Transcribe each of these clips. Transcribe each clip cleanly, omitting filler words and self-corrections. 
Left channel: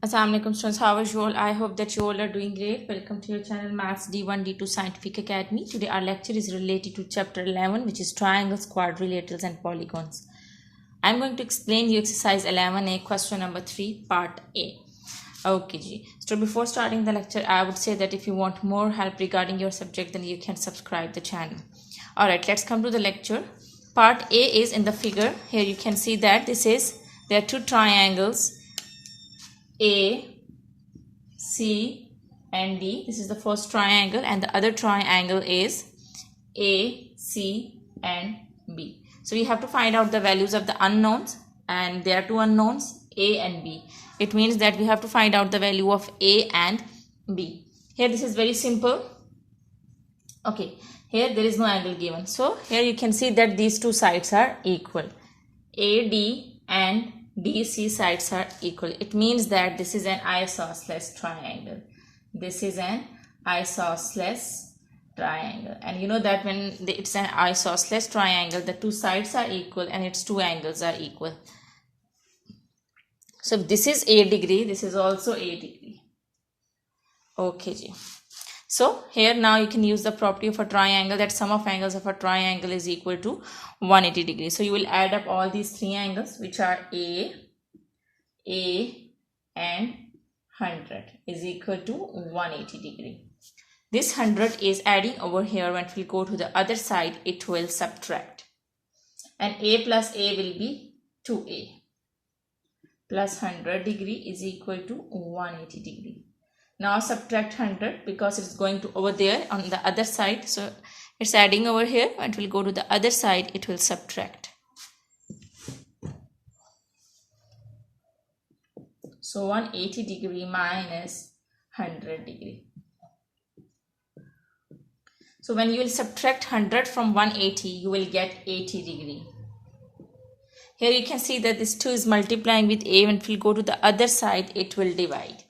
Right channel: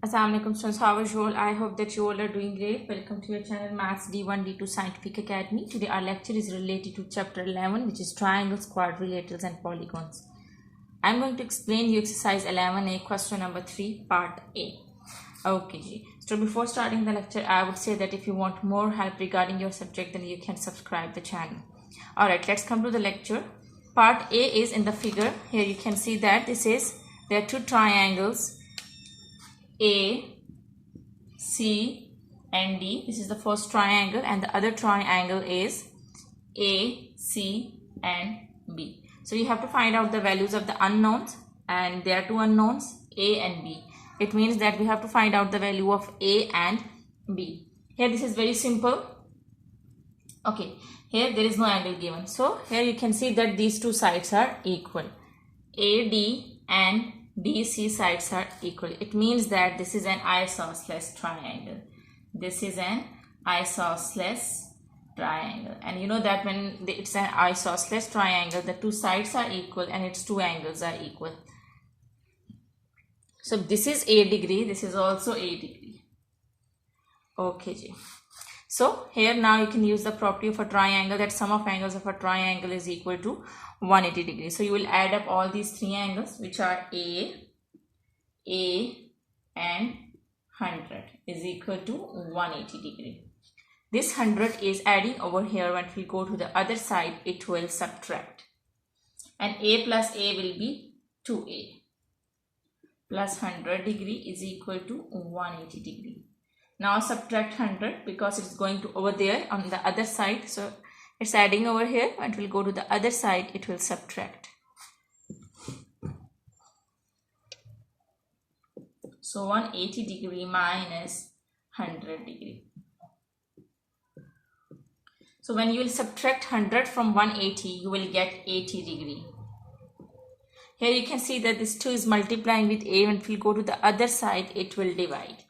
Assalamualaikum students, how are you all? I hope that you all are doing great. Welcome to your channel Maths D1 D2 Scientific Academy. Today our lecture is related to chapter 11, which is triangles, quadrilaterals and polygons. I'm going to explain you exercise 11A, question number 3, part A. Okay ji. So before starting the lecture, I would say that if you want more help regarding your subject, then you can subscribe the channel. Alright, let's come to the lecture. Part A is in the figure. Here you can see that there are two triangles A, C and D. This is the first triangle, and the other triangle is A, C and B. So we have to find out the values of the unknowns, and there are two unknowns, A and B. It means that we have to find out the value of A and B. Here this is very simple. Okay, here there is no angle given. So here you can see that these two sides are equal. AD and DC sides are equal. It means that this is an isosceles triangle. This is an isosceles triangle. And you know that when it's an isosceles triangle, the two sides are equal and its two angles are equal. So this is A degree, this is also A degree. Okay ji. So here now you can use the property of a triangle, that sum of angles of a triangle is equal to 180 degrees. So you will add up all these three angles, which are A and 100 is equal to 180 degree. This 100 is adding over here. When we go to the other side, it will subtract. And A plus A will be 2A. Plus 100 degree is equal to 180 degree. Now subtract 100 because it's going to over there on the other side. So it's adding over here. When it will go to the other side, it will subtract. So 180 degree minus 100 degree. So when you will subtract 100 from 180, you will get 80 degree. Here you can see that this 2 is multiplying with A. When it will go to the other side, it will divide.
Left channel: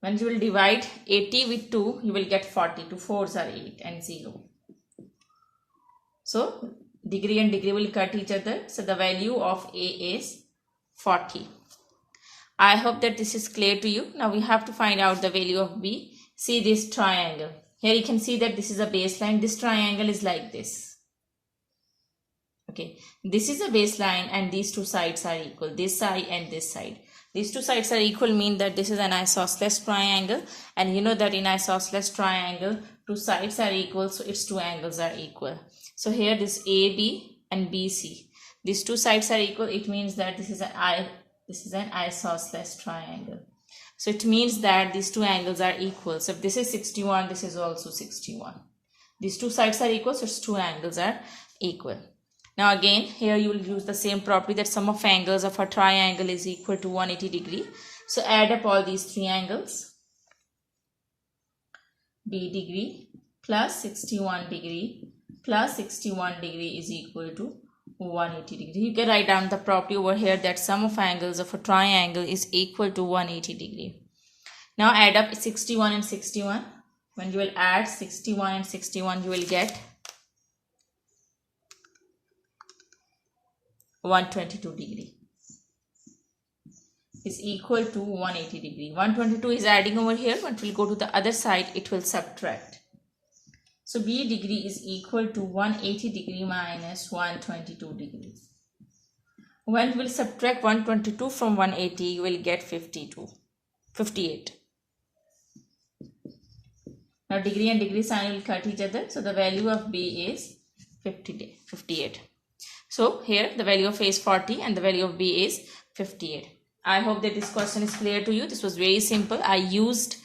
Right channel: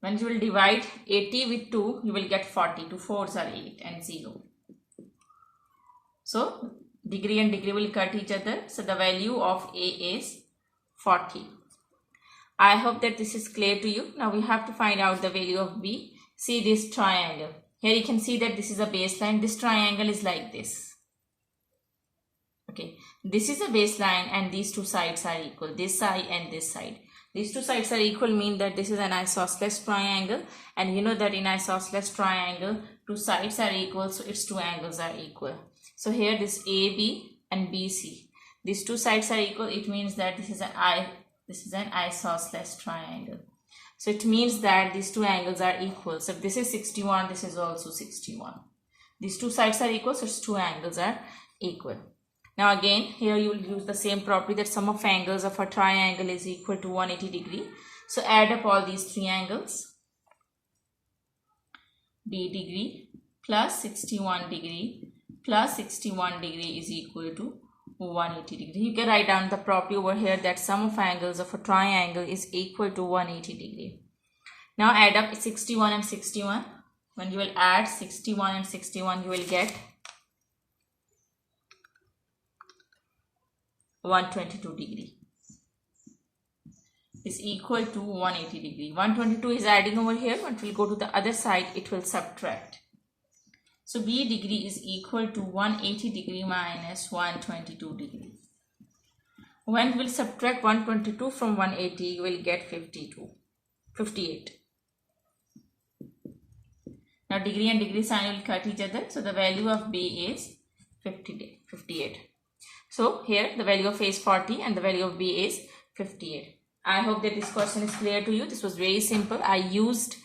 When you will divide 80 with 2, you will get 40. 2 4s are 8 and 0. So degree and degree will cut each other. So the value of A is 40. I hope that this is clear to you. Now we have to find out the value of B. See this triangle. Here you can see that this is a baseline. This triangle is like this. Okay. This is a baseline and these two sides are equal. This side and this side. These two sides are equal mean that this is an isosceles triangle, and you know that in isosceles triangle, two sides are equal, so its two angles are equal. So here this AB and BC, these two sides are equal. It means that this is an isosceles triangle. So it means that these two angles are equal. So if this is 61, this is also 61. These two sides are equal, so its two angles are equal. Now again, here you will use the same property, that sum of angles of a triangle is equal to 180 degree. So add up all these three angles. B degree plus 61 degree plus 61 degree is equal to 180 degree. You can write down the property over here, that sum of angles of a triangle is equal to 180 degree. Now add up 61 and 61. When you will add 61 and 61, you will get 122 degree is equal to 180 degree. 122 is adding over here. When it will go to the other side, it will subtract. So B degree is equal to 180 degree minus 122 degree. When we will subtract 122 from 180, you will get 58. Now degree and degree sign will cut each other. So the value of B is 58. So here the value of A is 40 and the value of B is 58. I hope that this question is clear to you. This was very simple. I used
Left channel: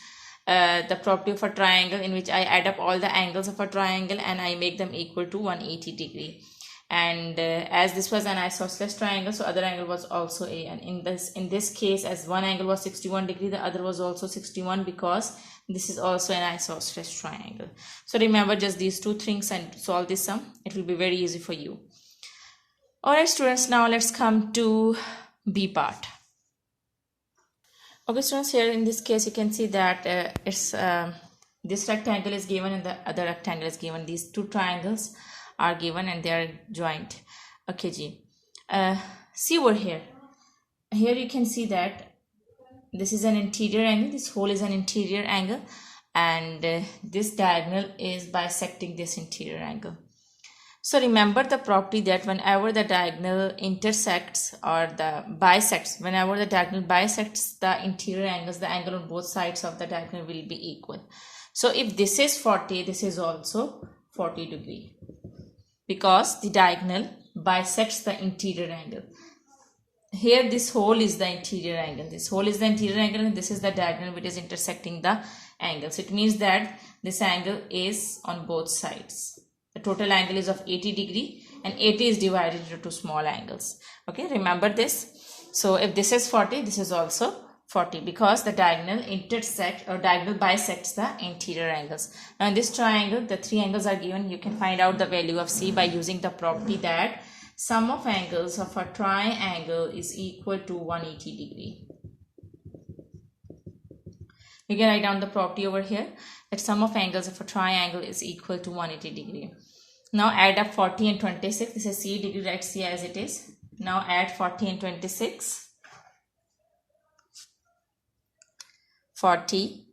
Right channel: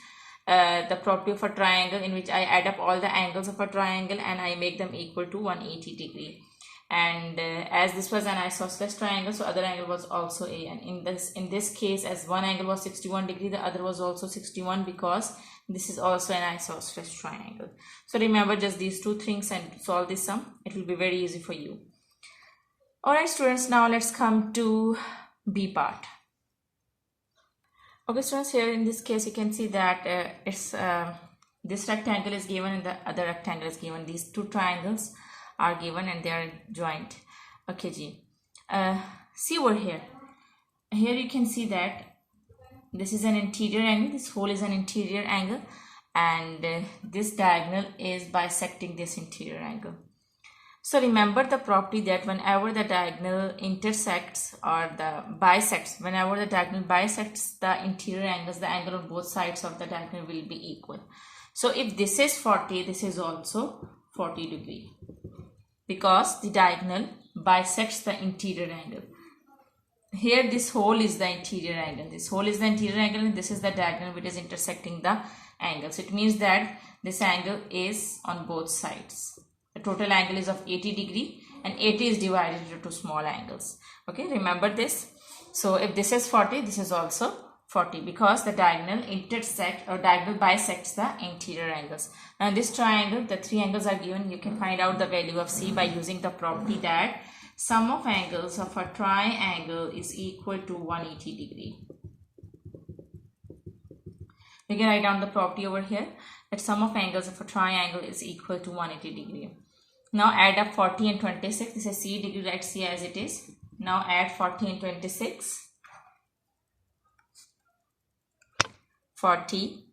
the property of a triangle, in which I add up all the angles of a triangle and I make them equal to 180 degree. And as this was an isosceles triangle, so other angle was also A. And in this case, as one angle was 61 degree, the other was also 61, because this is also an isosceles triangle. So remember just these two things and solve this sum. It will be very easy for you. Alright students, now let's come to B part. Okay students, here in this case you can see that this rectangle is given and the other rectangle is given. These two triangles are given and they are joined. Okay ji. See over here. Here you can see that this is an interior angle, this whole is an interior angle, and this diagonal is bisecting this interior angle. So remember the property that whenever the diagonal intersects or the bisects, whenever the diagonal bisects the interior angles, the angle on both sides of the diagonal will be equal. So if this is 40, this is also 40 degree, because the diagonal bisects the interior angle. Here this whole is the interior angle, this whole is the interior angle, and this is the diagonal which is intersecting the angles. It means that this angle is on both sides. The total angle is of 80 degree, and 80 is divided into two small angles. Okay, remember this. So if this is 40, this is also 40, because the diagonal intersect or diagonal bisects the interior angles. Now in this triangle, the three angles are given. You can find out the value of C by using the property that sum of angles of a triangle is equal to 180 degree. You can write down the property over here that sum of angles of a triangle is equal to 180 degree. Now add up 40 and 26. This is C degree, write C as it is. Now add 40 and 26. 40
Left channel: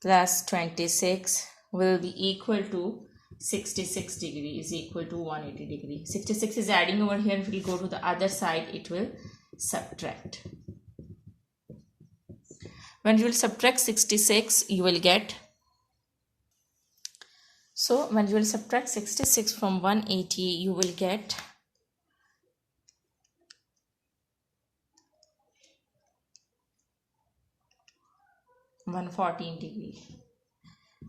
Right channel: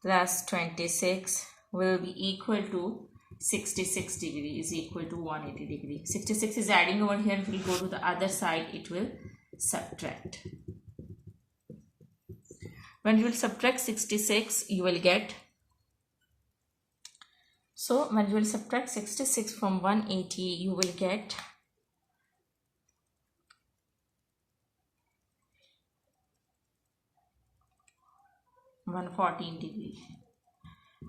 plus 26 will be equal to 66 degree, is equal to 180 degree. 66 is adding over here. If we go to the other side, it will subtract. When you will subtract 66, you will get, so when you will subtract 66 from 180, you will get 114 degree.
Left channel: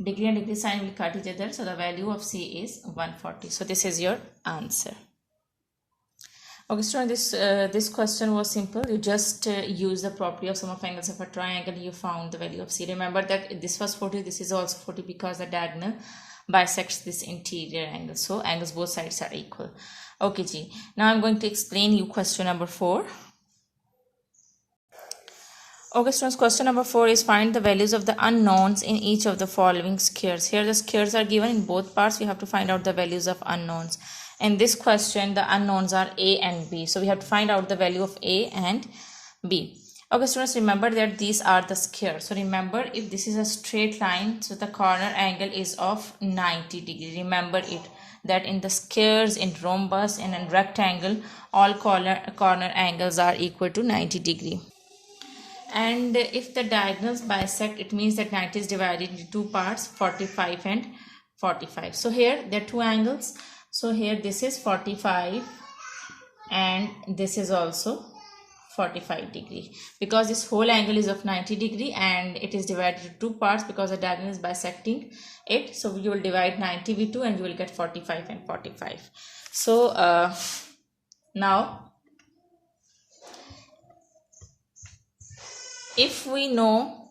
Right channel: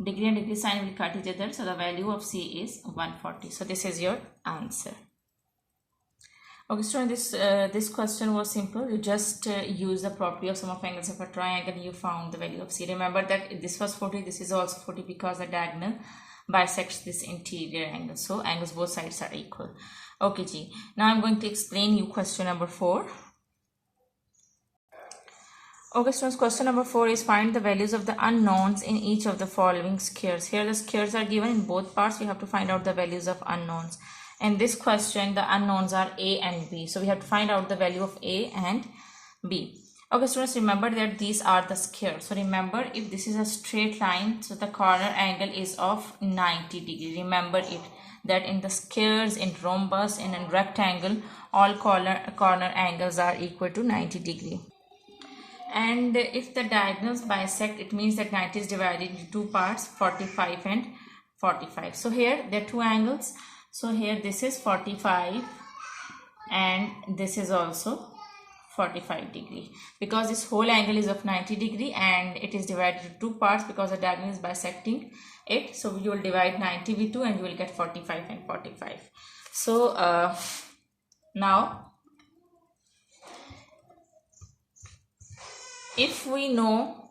Degree and degree sign will cut each other, so the value of C is 140. So this is your answer. Okay, students, this question was simple. You just use the property of sum of angles of a triangle. You found the value of C. Remember that this was 40, this is also 40, because the diagonal bisects this interior angle. So angles both sides are equal. Okay, G. Now I'm going to explain you question number 4. Okay, students, question number 4 is find the values of the unknowns in each of the following squares. Here the squares are given in both parts. We have to find out the values of unknowns. In this question, the unknowns are A and B. So we have to find out the value of A and B. Okay, students, remember that these are the squares. So remember, if this is a straight line, so the corner angle is of 90 degree. Remember it, that in the squares, in rhombus, and in rectangle, all corner angles are equal to 90 degree. And if the diagonals bisect, it means that 90 is divided into two parts, 45 and 45. So here there are two angles. So here this is 45 and this is also 45 degree, because this whole angle is of 90 degree and it is divided into two parts because the diagonal is bisecting it. So you will divide 90 with 2 and you will get 45 and 45. So now if we know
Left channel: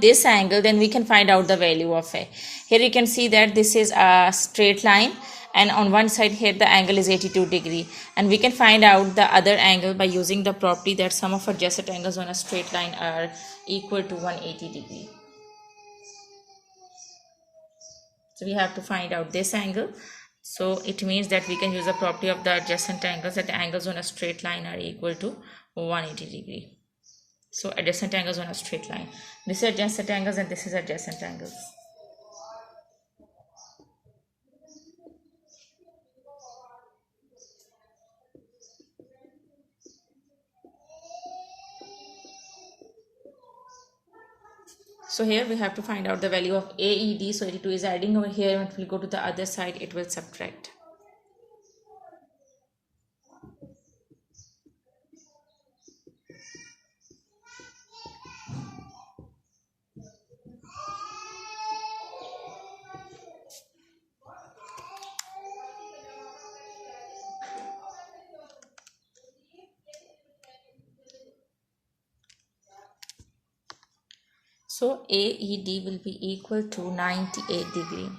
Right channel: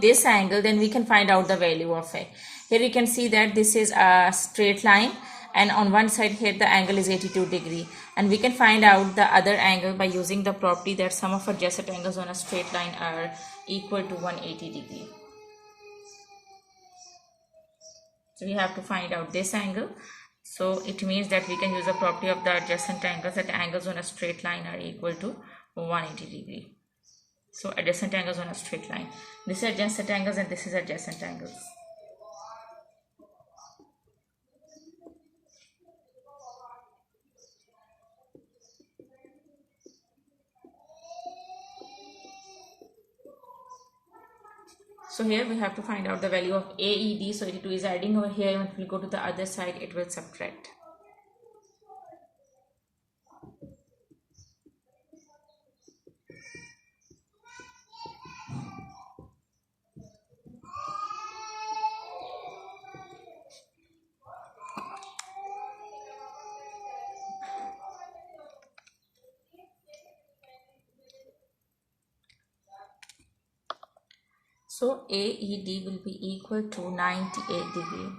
this angle, then we can find out the value of A. Here you can see that this is a straight line, and on one side here the angle is 82 degree, and we can find out the other angle by using the property that sum of adjacent angles on a straight line are equal to 180 degree. So we have to find out this angle. So it means that we can use the property of the adjacent angles, that the angles on a straight line are equal to 180 degree. So adjacent angles on a straight line. This is adjacent angles and this is adjacent angles. So here we have to find out the value of AED. So 82 is adding over here. When we go to the other side, it will subtract. So AED will be equal to 98 degree.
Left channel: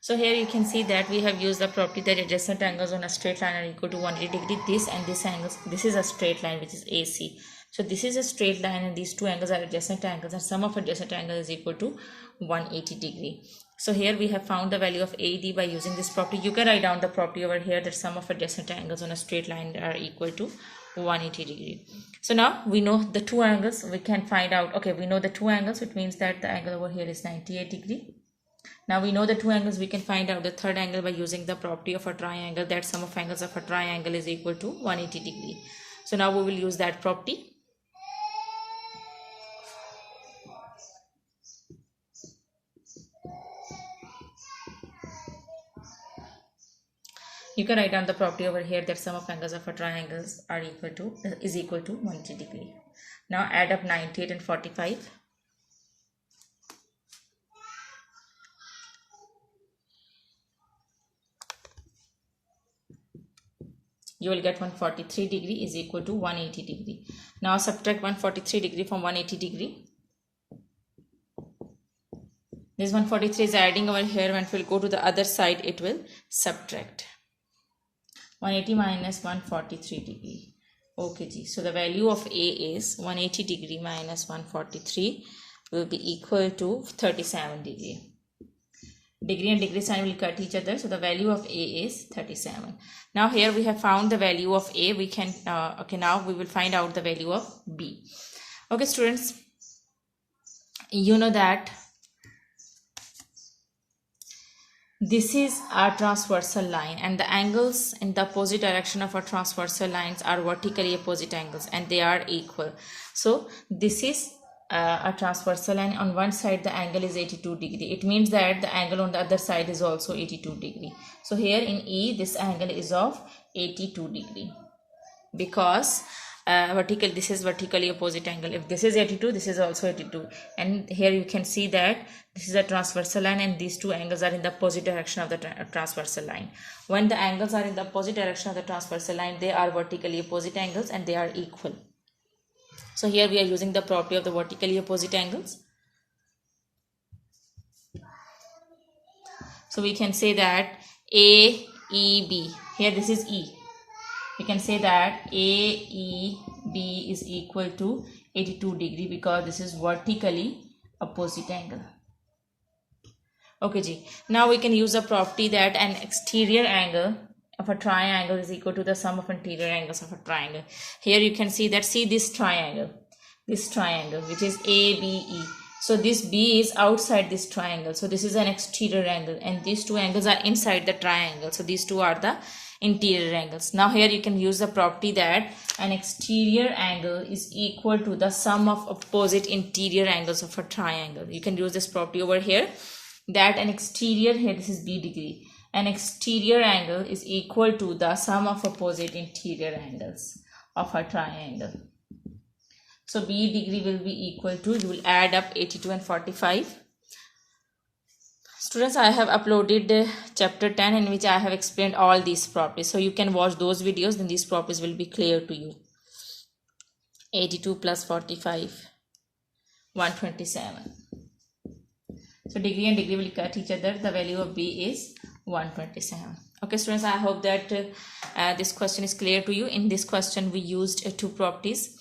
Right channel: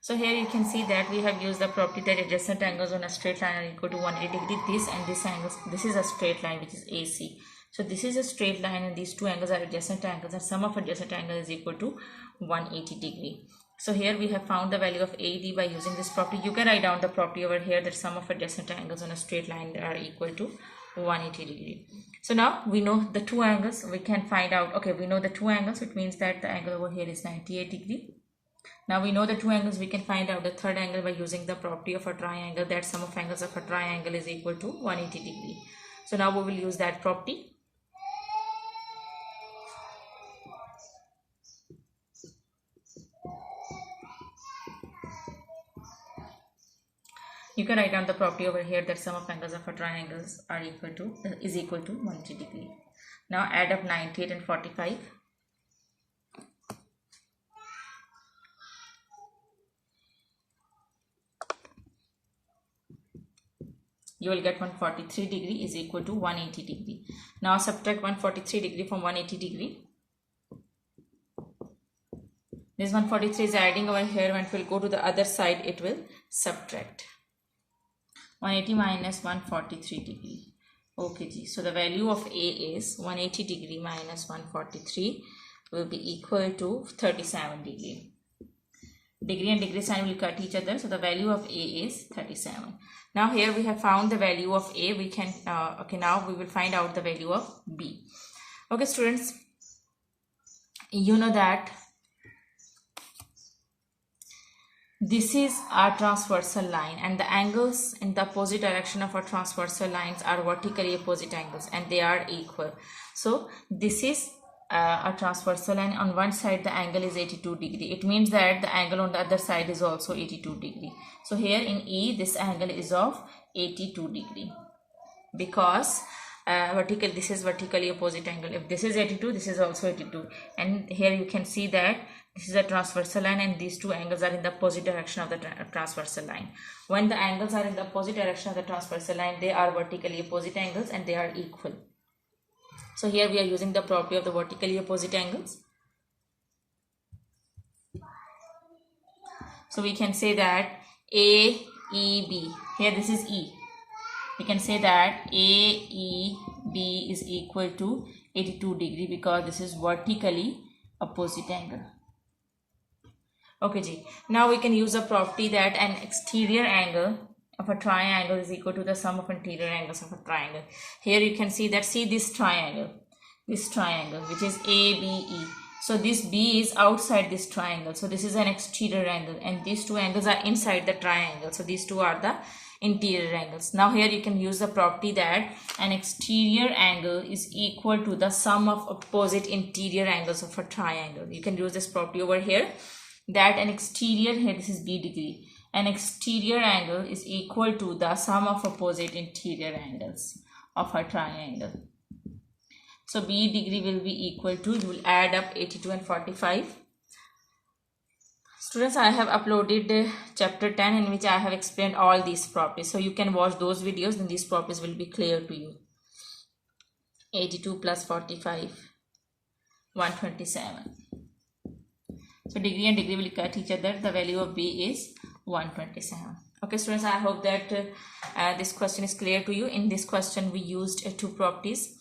So here you can see that we have used the property that adjacent angles on a straight line are equal to 180 degree. This and this angles, this is a straight line which is AC. So this is a straight line and these two angles are adjacent angles, and sum of adjacent angles is equal to 180 degree. So here we have found the value of AD by using this property. You can write down the property over here that sum of adjacent angles on a straight line are equal to 180 degree. So now we know the two angles. We can find out, okay, we know the two angles, which means that the angle over here is 98 degree. Now we know the two angles. We can find out the third angle by using the property of a triangle, that sum of angles of a triangle is equal to 180 degree. So now we will use that property. You can write down the property over here that sum of angles of a triangles are equal to is equal to 180 degree. Now add up 98 and 45. You will get 143 degree is equal to 180 degree. Now subtract 143 degree from 180 degree. This 143 is adding over here. When it will go to the other side, it will subtract. 180 minus 143 degree. Okay, ji. So the value of A is 180 degree minus 143 will be equal to 37 degree. Degree and degree sign will cut each other. So the value of A is 37. Now here we have found the value of A. We can, now we will find out the value of B. Okay, students, you know that this is our transversal line, and the angles in the opposite direction of our transversal lines are vertically opposite angles, and they are equal. So this is a transversal line. On one side the angle is 82 degree. It means that the angle on the other side is also 82 degree. So here in E, this angle is of 82 degree because this is vertically opposite angle. If this is 82, this is also 82. And here you can see that this is a transversal line, and these two angles are in the opposite direction of the transversal line. When the angles are in the opposite direction of the transversal line, they are vertically opposite angles and they are equal. So here we are using the property of the vertically opposite angles. So we can say that AEB, here this is E. We can say that AEB is equal to 82 degree because this is vertically opposite angle. Okay, ji. Now we can use a property that an exterior angle of a triangle is equal to the sum of interior angles of a triangle. Here you can see that, see this triangle which is ABE. So this B is outside this triangle. So this is an exterior angle, and these two angles are inside the triangle. So these two are the interior angles. Now here you can use the property that an exterior angle is equal to the sum of opposite interior angles of a triangle. You can use this property over here that an exterior, here this is B degree, an exterior angle is equal to the sum of opposite interior angles of a triangle. So B degree will be equal to, you will add up 82 and 45. Students, I have uploaded chapter 10 in which I have explained all these properties. So you can watch those videos, then these properties will be clear to you. 82 plus 45, 127. So degree and degree will cut each other. The value of B is 127. Okay, students, I hope that this question is clear to you. In this question, we used two properties.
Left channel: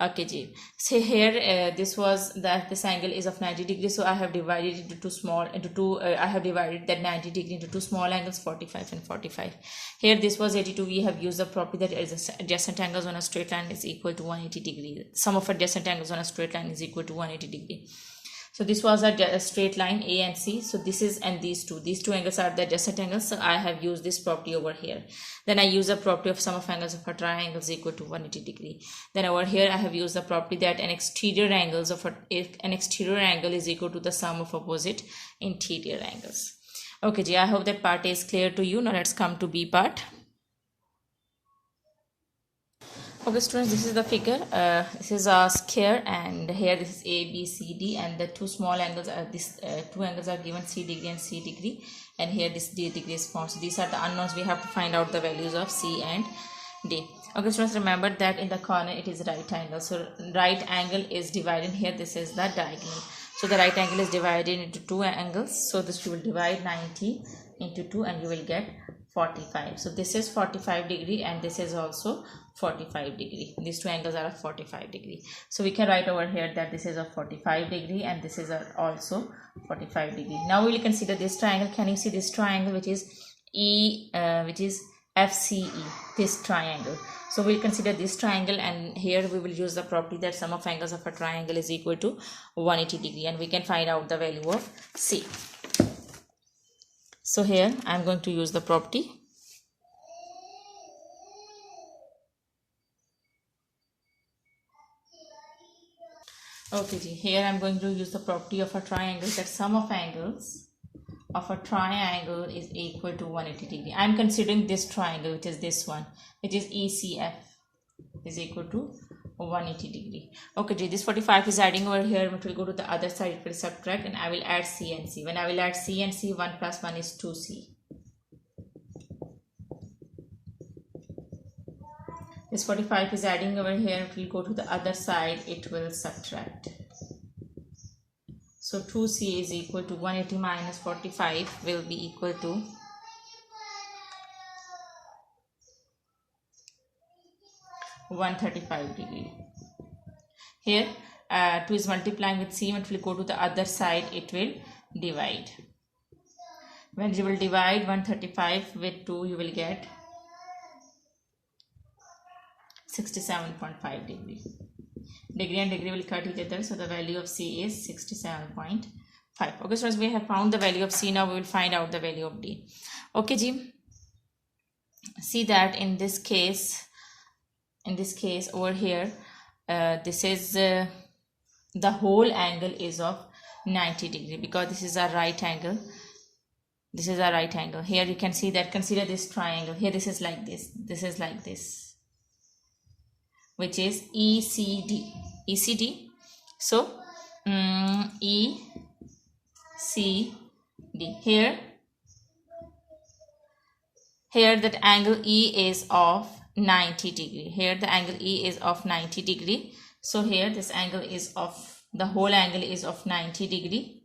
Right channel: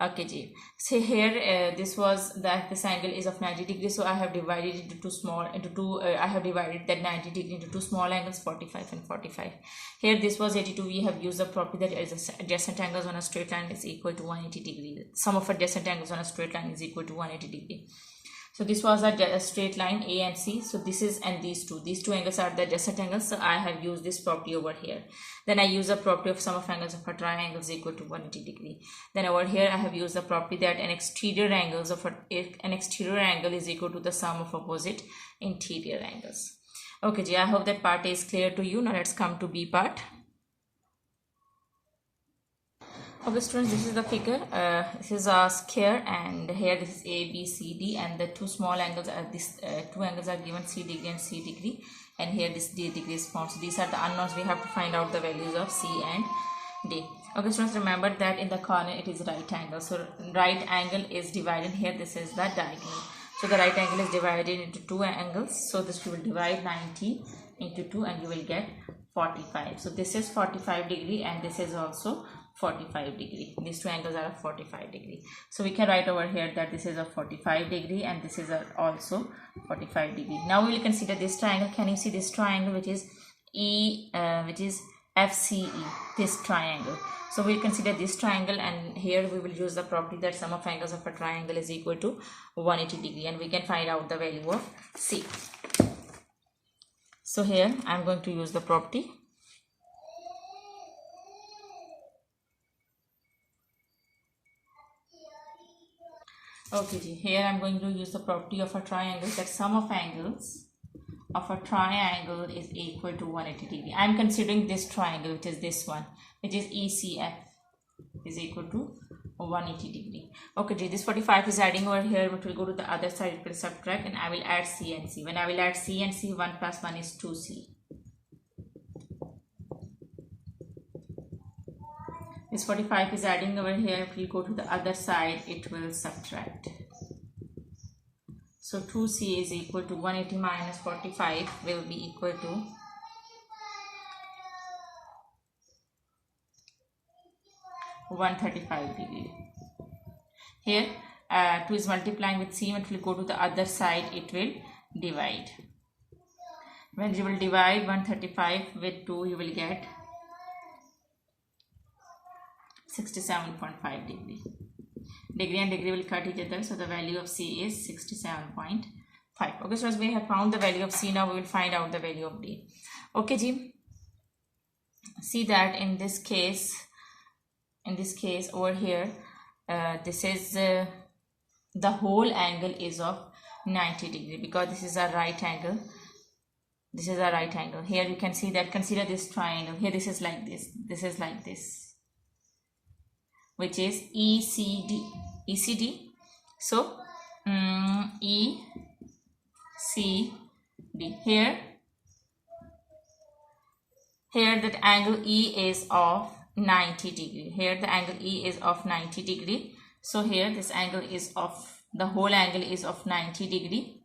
Okay, ji. So here this was that this angle is of 90 degrees. So I have divided it into I have divided that 90 degree into two small angles, 45 and 45. Here this was 82. We have used the property that adjacent angles on a straight line is equal to 180 degree. Sum of adjacent angles on a straight line is equal to 180 degree. So this was a straight line A and C. So this is, and these two angles are the adjacent angles. So I have used this property over here. Then I use the property of sum of angles of a triangle is equal to 180 degree. Then over here I have used the property that an exterior angle is equal to the sum of opposite interior angles. Okay, ji, I hope that part is clear to you. Now let's come to B part. Okay, students, this is the figure. This is a square, and here this is A, B, C, D, and the two small angles are two angles are given, C degree and C degree, and here this D degree is found. So these are the unknowns. We have to find out the values of C and D. Okay, students, remember that in the corner it is right angle. So right angle is divided here. This is the diagonal. So the right angle is divided into two angles. So this will divide 90 into 2, and you will get 45. So this is 45 degree and this is also 45 degree. These two angles are of 45 degree. So we can write over here that this is of 45 degree and this is also 45 degree. Now we will consider this triangle. Can you see this triangle which is FCE, this triangle? So we'll consider this triangle, and here we will use the property that sum of angles of a triangle is equal to 180 degree, and we can find out the value of C. So here I am going to use the property. Okay, here I am going to use the property of a triangle that sum of angles of a triangle is equal to 180 degree. I am considering this triangle, which is this one, which is ECF, is equal to 180 degree. Okay, this 45 is adding over here, but will go to the other side, it will subtract, and I will add C and C. When I will add C and C, 1 plus 1 is 2C. This 45 is adding over here, it will go to the other side, it will subtract. So 2C is equal to 180 minus 45 will be equal to 135 degree. Here 2 is multiplying with C, it will go to the other side, it will divide. When you will divide 135 with 2, you will get 67.5 degree. Degree and degree will cut each other, so the value of C is 67.5. Okay, so as we have found the value of C, now we will find out the value of D. Okay ji, see that in this case over here, this is the whole angle is of 90 degree, because this is a right angle. This is a right angle. Here you can see that, consider this triangle. Here this is like this, this is like this, which is ECD. So ECD. Here that angle E is of 90 degree. Here the angle E is of 90 degree. So here this angle is of, the whole angle is of 90 degree,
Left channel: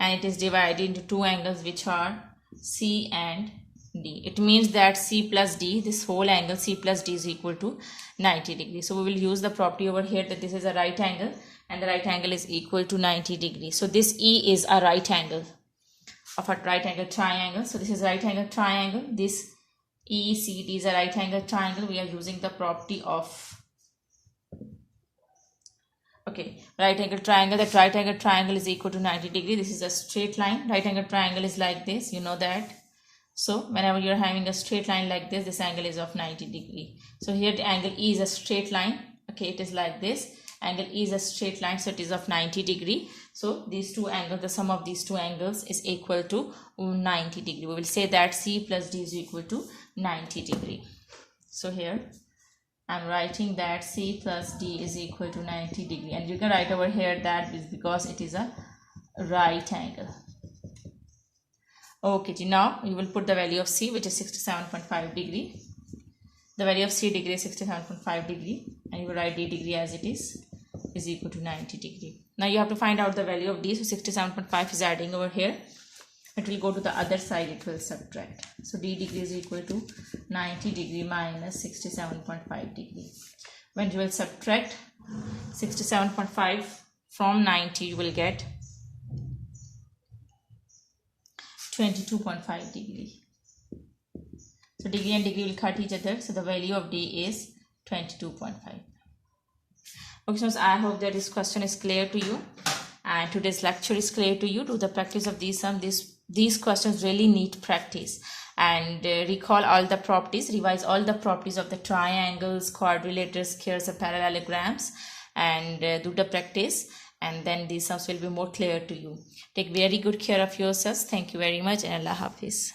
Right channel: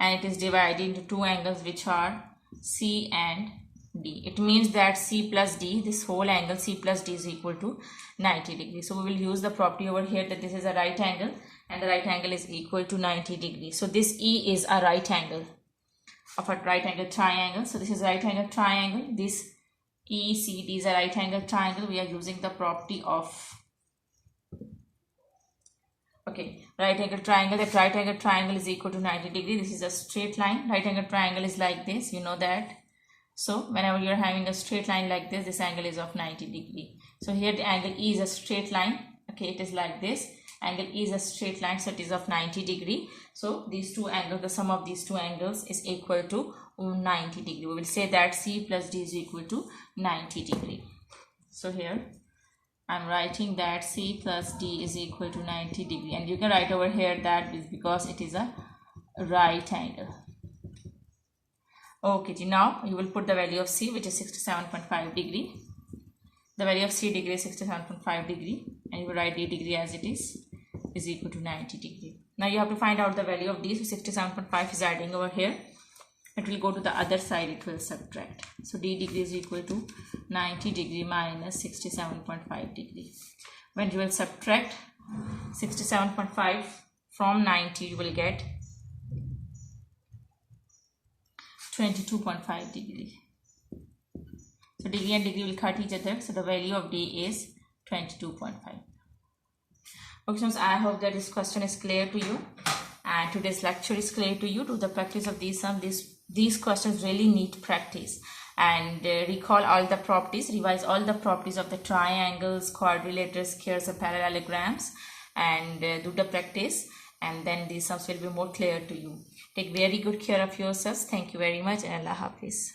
and it is divided into two angles which are C and D. It means that C plus D, this whole angle C plus D is equal to 90 degree. So we will use the property over here that this is a right angle and the right angle is equal to 90 degree. So this E is a right angle of a right angle triangle. So this is a right angle triangle. This ECD is a right angle triangle. We are using the property of right angle triangle. That right angle triangle is equal to 90 degree. This is a straight line. Right angle triangle is like this, you know that. So whenever you are having a straight line like this angle is of 90 degree. So here the angle E is a straight line. Okay, it is like this. Angle E is a straight line, so it is of 90 degree. So these two angles, the sum of these two angles is equal to 90 degree. We will say that C plus D is equal to 90 degree. So here I am writing that C plus D is equal to 90 degree, and you can write over here that is because it is a right angle. Okay, now you will put the value of C, which is 67.5 degree. The value of C degree is 67.5 degree, and you will write D degree as it is equal to 90 degree. Now you have to find out the value of D. So 67.5 is adding over here. It will go to the other side, it will subtract. So D degree is equal to 90 degree minus 67.5 degree. When you will subtract 67.5 from 90, you will get 22.5 degree. So degree and degree will cut each other. So the value of D is 22.5. Okay, so I hope that this question is clear to you and today's lecture is clear to you. Do the practice of these sums. These questions really need practice, and recall all the properties, revise all the properties of the triangles, quadrilaterals, squares, and parallelograms, and do the practice, and then these sums will be more clear to you. Take very good care of yourselves. Thank you very much, and Allah Hafiz.